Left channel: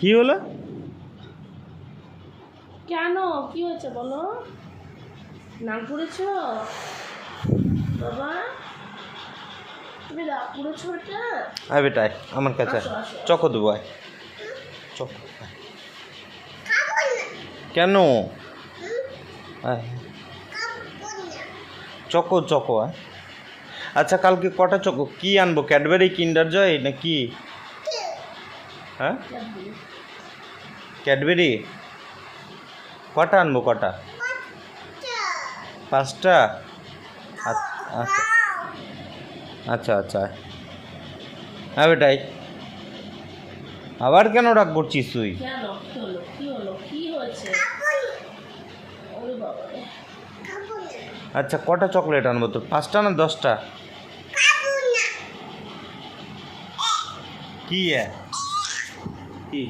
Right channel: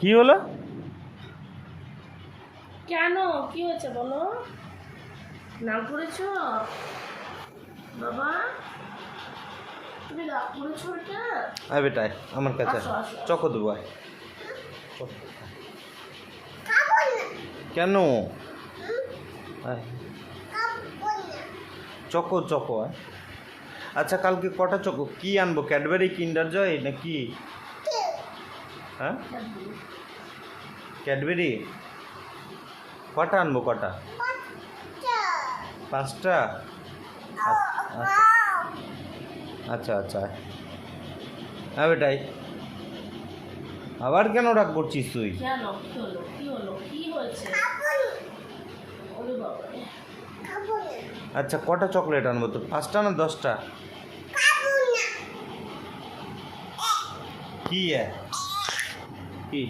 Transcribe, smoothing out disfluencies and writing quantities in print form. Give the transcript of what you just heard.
কি হলো? কেন কি হয়েছে বলো? নাক করেছো বাবা? তুমি রাগ করেছো এটা? আয় বেটা আয়, আমার কাছে আয়। আসো, আসো। চকো দেবো আয়। চকো। কেন? আয়। চকো চকো আয়। আচ্ছা কালকে কটা চকো কি আনবো? ক্যাডবেরি, কিন্ডার জয় নাকি? হ্যাঁ ক্যাডবেরি কটা আনবো? কটা? 5টা? আচ্ছা আচ্ছা আচ্ছা। হ্যাঁ বেটাই, আবার কেন রাগ করছিস তুই? কেন কি হলো কি হলো কি হয়েছে? ওরে বাবা রে। আচ্ছা কটা চকলেট আনবো তোর? 5টা না 10টা? কি কি